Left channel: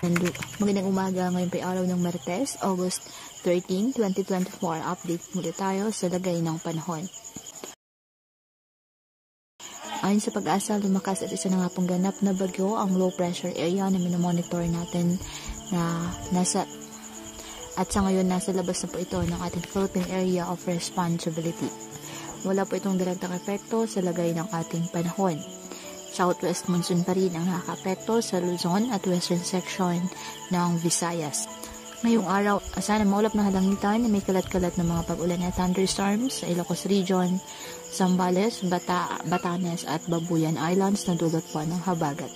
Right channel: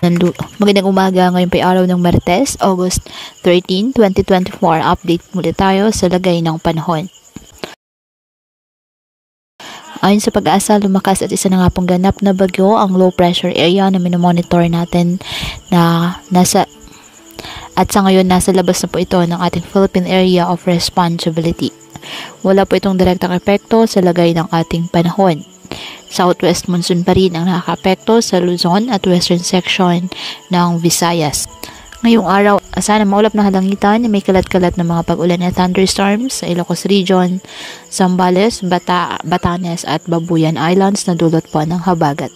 Magandang umaga, ngayon pa araw ng Martes, August 13, 2024. Update muli tayo sa lagay ng panahon. Ayon sa Pag-asa, lumakas at isa na nga pong ganap na bagyo ang low pressure area na minomonitor natin na sa ngayon nasa labas na po ito ng ating Philippine Area of Responsibility. Wala po itong direktang epekto sa lagay ng ating panahon. Southwest monsoon pa rin ang nakaka-apekto sa Luzon at western section ng Visayas. Ngayong araw, asahan ang maulap na halangitan na may kalat-kalat na mga pag-ulan at thunderstorms sa Ilocos Region, Zambales, Batanes at Babuyan Islands na dulot po ng habagat.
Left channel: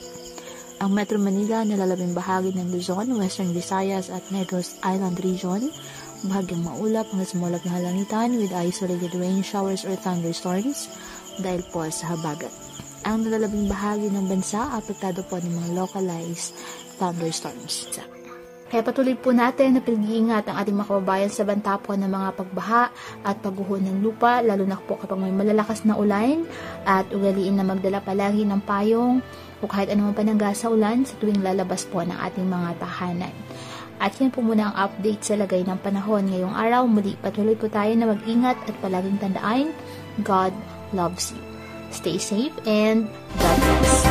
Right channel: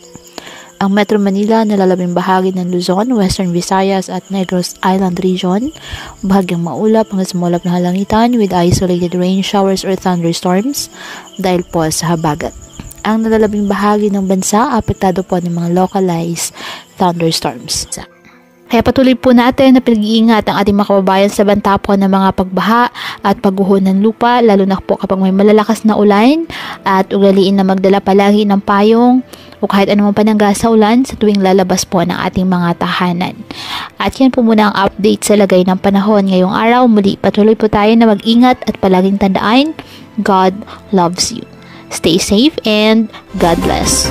Ang Metro Manila na lalabing bahagi ng Luzon, Western Visayas at Negros Island Region, bahagyang maulap hanggang sa maulap na halangitan with isolated rain showers or thunderstorms dahil po sa habagat. Ang nalalabing bahagi ng bansa, apektado po ng mga localized thunderstorms. Kaya patuloy po natin na pinag-iingat ang ating mga kababayan sa banta po ng mga pagbaha at pagguho ng lupa, lalo na po kapag may malalakas na ulan, at ugaliin na magdala palagi ng payong o kahit anumang panangga sa ulan sa tuwing lalabas po ng ating mga tahanan. At yan po muna ang update sa lagay ng panahon ngayong araw. Muli patuloy po tayo na mag-ingat at palaging tandaan, God loves you. Stay safe and God bless.